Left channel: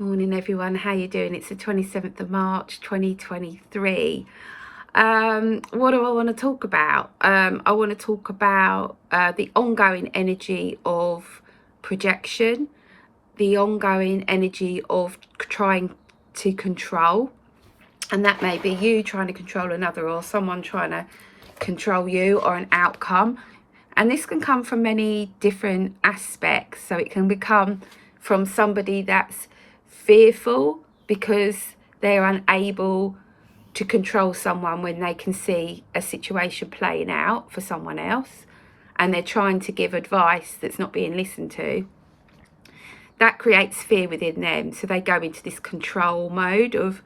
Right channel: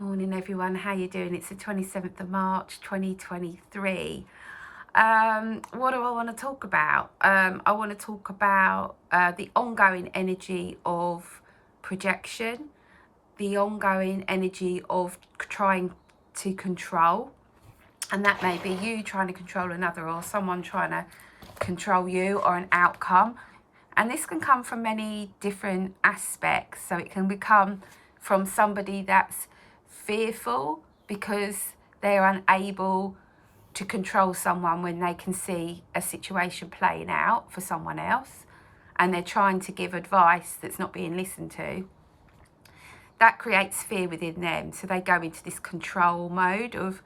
Morning everyone, how you doing? It's the 27th of March 2023. What do I want to talk about? I want to talk about the ongoing energy of projection, the ongoing energy of trying to control, and that may be you trying to control another or someone trying to control you or an outcome. And this can come from many different aspects. So it can become from somebody that's fearful because they're unable to control someone when they can see a situation playing out for someone else and they're trying to give advice that's not being listened to. That creates fear within them. So they go into this control mode of,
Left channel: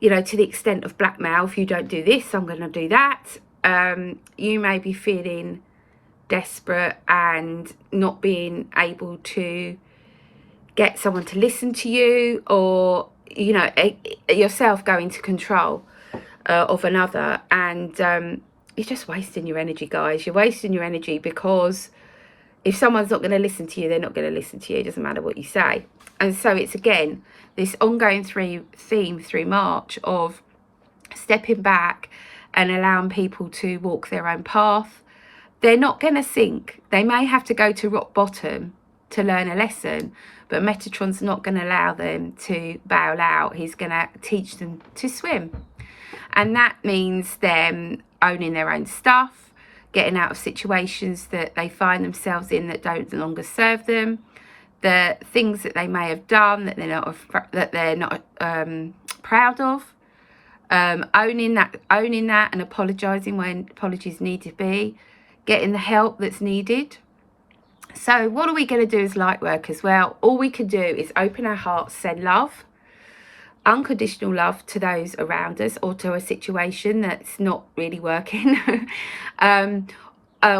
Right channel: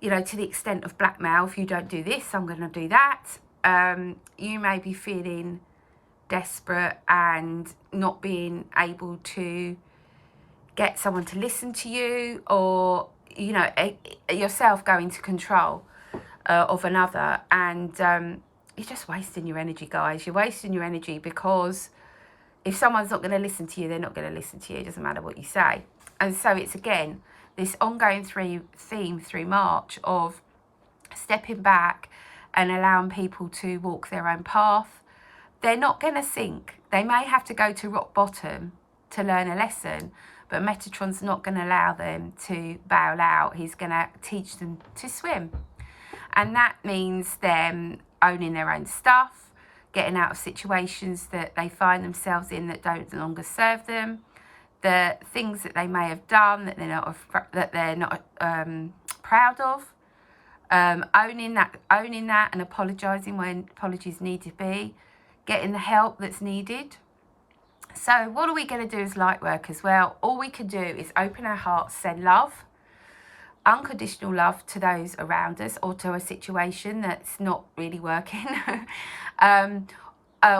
to the extent of blackmail. If you don't do this, I'm going to do that. You may be feeling desperate and not being able to get someone to listen to you, or yourself go into control of another, and you're just wasting your energy, guys. You're wasting your energy because if someone's not going to listen to you, they're not going to listen to you. It doesn't matter what you say. And so it's again this ongoing theme through March of stepping back and allowing people to walk their own path. They're not going to sink. They may have to go to rock bottom to learn a lesson, but Metatron's not going to allow them to bail out. He's going to teach them to swim. And that means them owning their own stuff, getting out of situations that they find themselves in that don't longer serve them, the things that they may have done that they're not proud of, owning that and apologising when apologies need to be, getting the help that's needed. So what are we going to do as light workers? Well, all we can do is open our hearts, send love, unconditional love to those around us or to a situation that's not really working.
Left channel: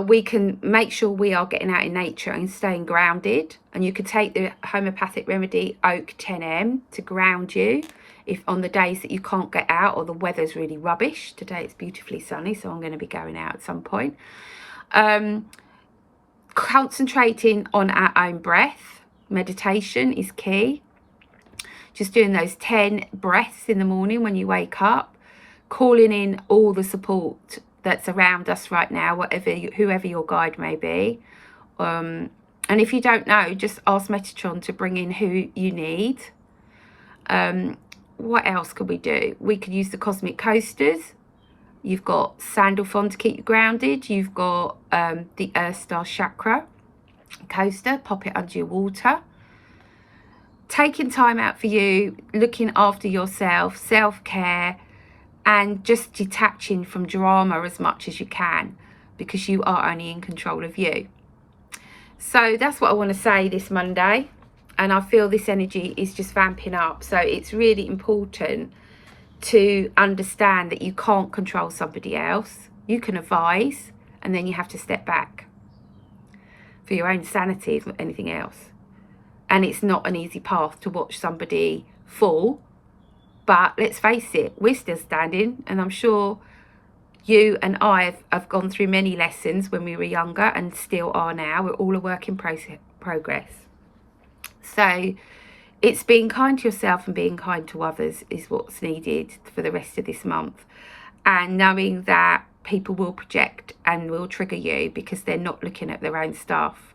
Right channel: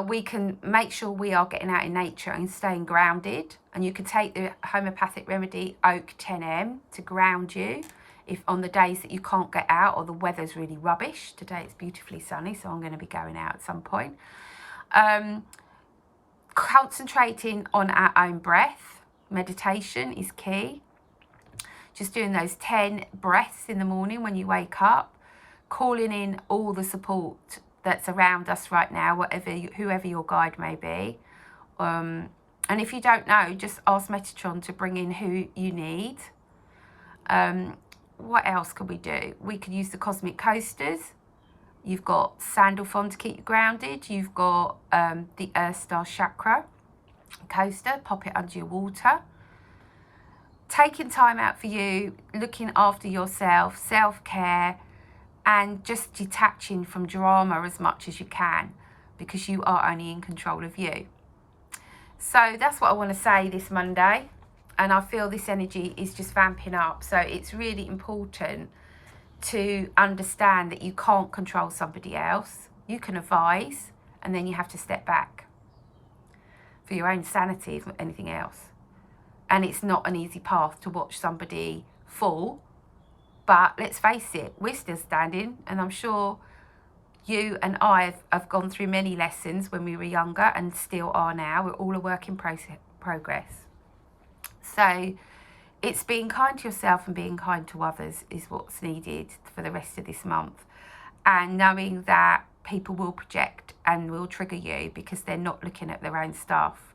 We can make sure we are getting out in nature and staying grounded. And you could take the homeopathic remedy Oak 10M to ground you if on the days that you can't get out or the weather's really rubbish. Today it's beautifully sunny, so I'm going to be going out at some point. Concentrating on our own breath. Meditation is key. Just doing those 10 breaths in the morning when you wake up, calling in all the support that's around us right now, whoever your guide may be. And if you don't know, just ask Metatron to bring in who you need. What else could we do? We could use the cosmic coasters. You've got Sandalphon to keep you grounded. You've got the Earth Star Chakra coaster. Pop it under your water. Taking time out for you, looking after yourself, self-care, and just detaching from drama as much as you can, because you are only in control of you. So that's what I want to say this Monday. And I feel this energy is just vamping up. So it's really important to understand that you can't control somebody else. You can advise, and then you have to step back for your own sanity, if anything else. And it's not an easy path to watch somebody fall, but let's face it, we're still standing, and I'm sure you and I have gone through many lessons when we were younger and still are now. We're all a work in progress. So it's being kind to yourself and being kind to others is what's needed for the rest of this month. And knowing that people will project and will trigger you because they're not looking at their own stuff.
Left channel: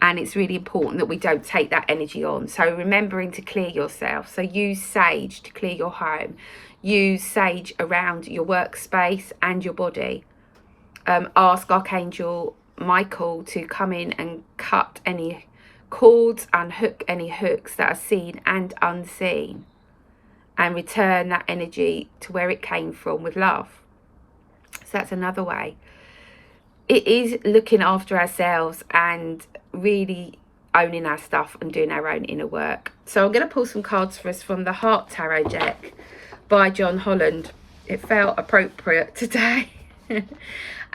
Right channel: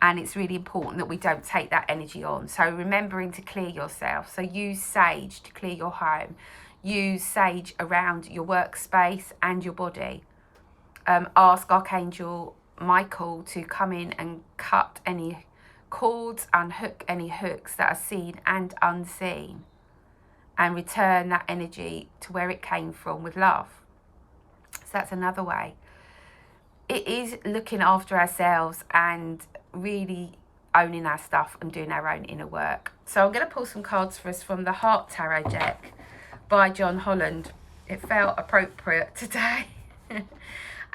And it's really important that we don't take that energy on. So remembering to clear yourself. So use sage to clear your home. Use sage around your workspace and your body. Ask Archangel Michael to come in and cut any cords, unhook any hooks that are seen and unseen, and return that energy to where it came from with love. So that's another way. It is looking after ourselves and really owning our stuff and doing our own inner work. So I'm going to pull some cards for us from the Heart Tarot deck by John Holland. It felt appropriate today.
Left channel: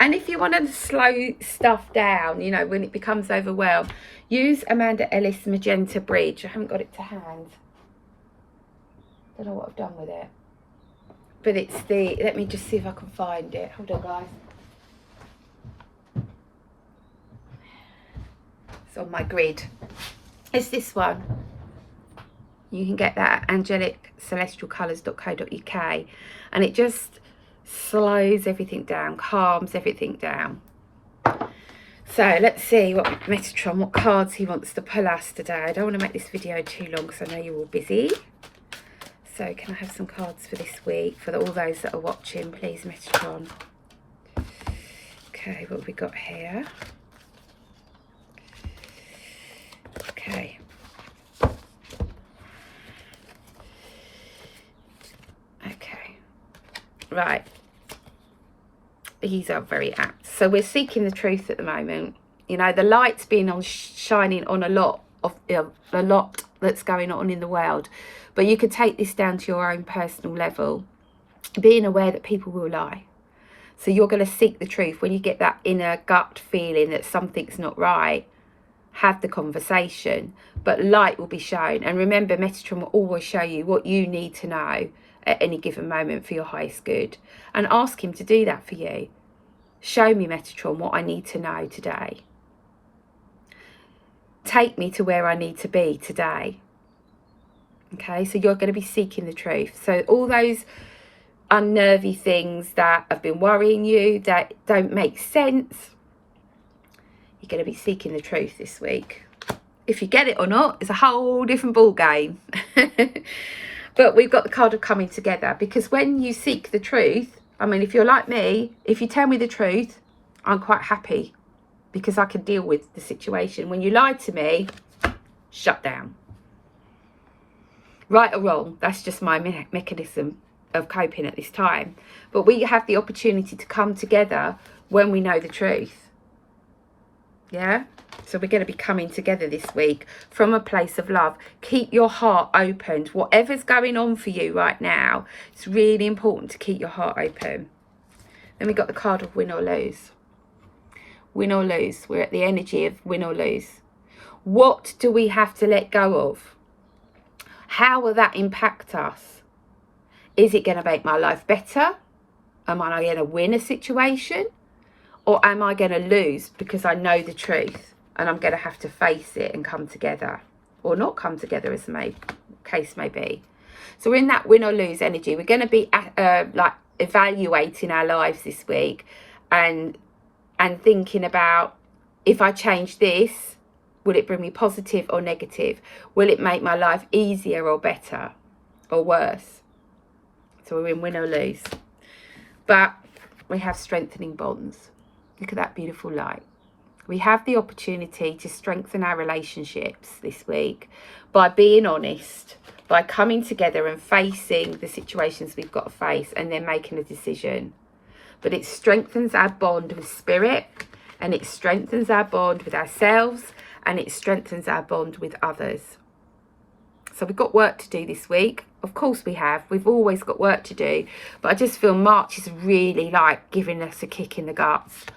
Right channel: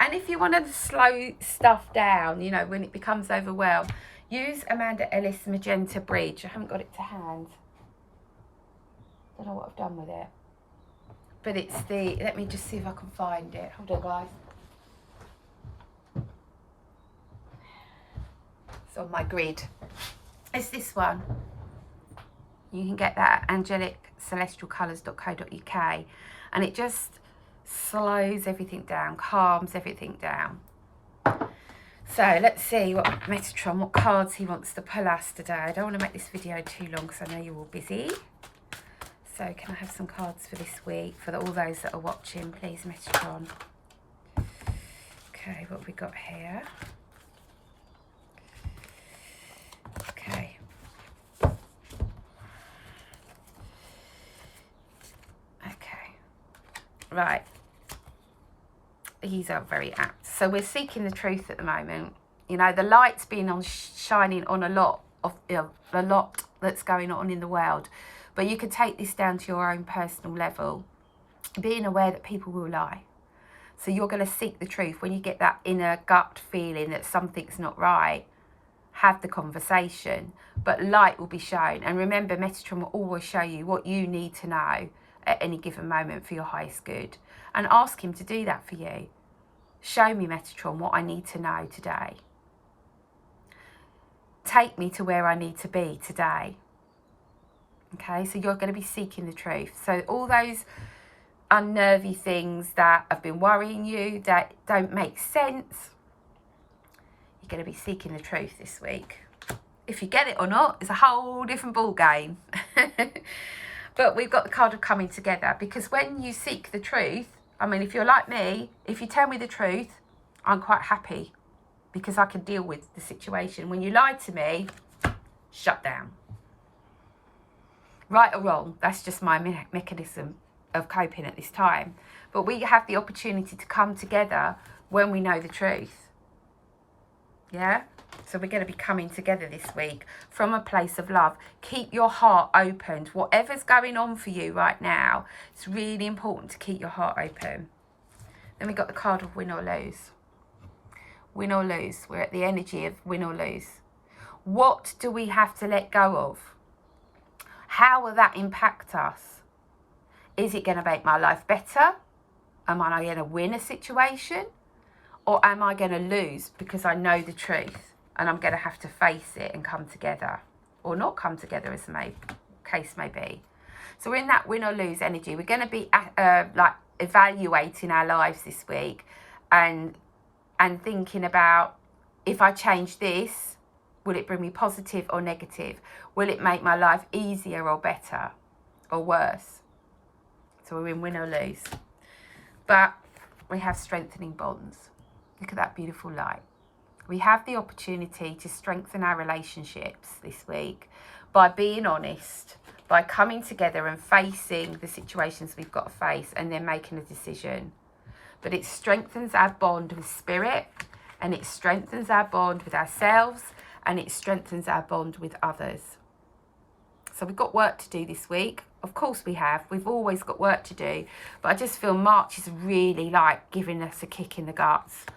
And if you want to slow stuff down, when it becomes overwhelmed, use Amanda Ellis Magenta Bridge. I haven't got it to hand. Don't know what I've done with it. But it's let me just see if I can find it. Hold on, guys. It's on my grid. It's this one. You can get that at angeliccelestialcolours.co.uk, and it just slows everything down, calms everything down. So let's see what Metatron, what cards he wants to pull us today. I don't want to make this video too long because I know you're all busy. So can I have some cards for this week for all those that are watching, please, Metatron? Okay, what have we got here? Okay. Okay. Right. These are very apt. So we're seeking the truth at the moment. You know, the light's been on shining on a lot that's going on in the world. But you could take this down to your own personal level, being aware that people will lie. So you're going to seek the truth. When you get that inner gut feeling that something's not right, have the conversation. But light will be shown. And remember, Metatron will always show you what you need to know at any given moment for your highest good, and ask him to do that for you. Show me, Metatron, what I need to know today. Take me to where I need to be today. Okay, so you're going to be seeking the truth. So all those unnervy things that have been worrying you, that don't make sense, you're going to be seeking the truth this week. If you get it or not, it's a whole different ball game. But we've got the card of coming together, because when you seek the truth, I mean, if you're like me, if you tell me the truth, I'm quite happy because I can deal with the situation. When you lie to me, shut down. Right or wrong, that's just my mechanism of coping at this time. But we have the opportunity to come together when we know the truth. Yeah? So we're going to be coming together this week from a place of love. Keep your heart open. Whatever's going on for you right now, it's really important to keep your heart open. Then we got the card of win or lose. Win or lose. We're at the energy of win or lose. What do we have to let go of? How will that impact us? Is it going to make my life better? Am I going to win a situation? Or am I going to lose because I know the truth? And I'm going to have to face it and come together, or not come together, as the case may be. So we're in that win or lose energy. We're going to be like evaluating our lives this week, and thinking about, if I change this, will it bring me positive or negative? Will it make my life easier or better or worse? So we're in win or lose. But we have strengthening bonds. Look at that beautiful light. We have the opportunity to strengthen our relationships this week by being honest, by coming together and facing the situations we've got to face, and then making a decision. But it strengthens our bond with spirit, and it strengthens our bond with ourselves, and it strengthens our bond with others. So we've got work to do this week. Of course we have. We've always got work to do. But I just feel March is really like giving us a kick in the guts.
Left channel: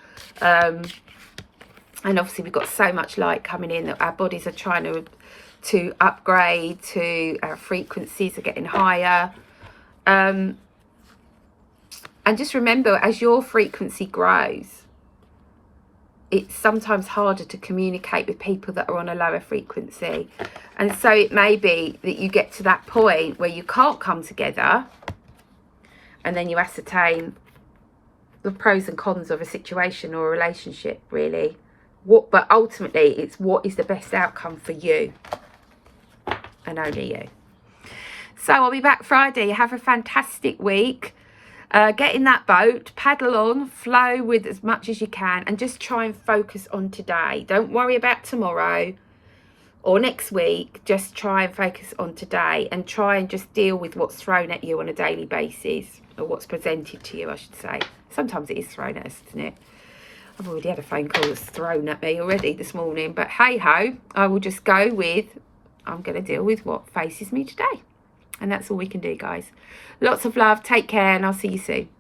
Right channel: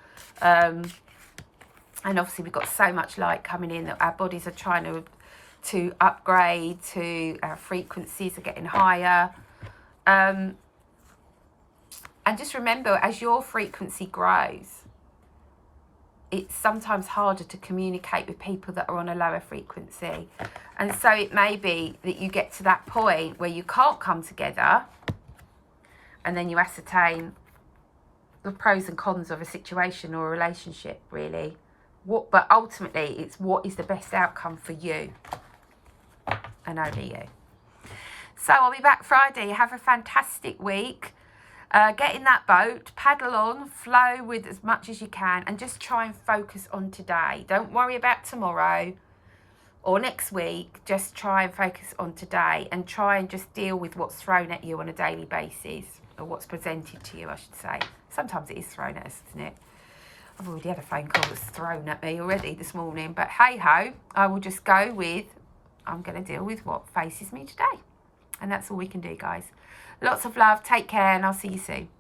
And obviously we've got so much light coming in that our bodies are trying to upgrade, to our frequencies are getting higher. And just remember, as your frequency grows, it's sometimes harder to communicate with people that are on a lower frequency. And so it may be that you get to that point where you can't come together, and then you ascertain the pros and cons of a situation or a relationship, really. But ultimately, it's what is the best outcome for you, and only you. So I'll be back Friday. Have a fantastic week. Get in that boat, paddle on, flow with as much as you can, and just try and focus on today. Don't worry about tomorrow or next week. Just try and focus on today, and try and just deal with what's thrown at you on a daily basis, or what's presented to you, I should say. Sometimes it is thrown at us, isn't it? I've already had a phone call that's thrown at me already this morning, but hey ho, I will just go with, I'm going to deal with what faces me today. And that's all we can do, guys. Lots of love, take care, and I'll see you soon.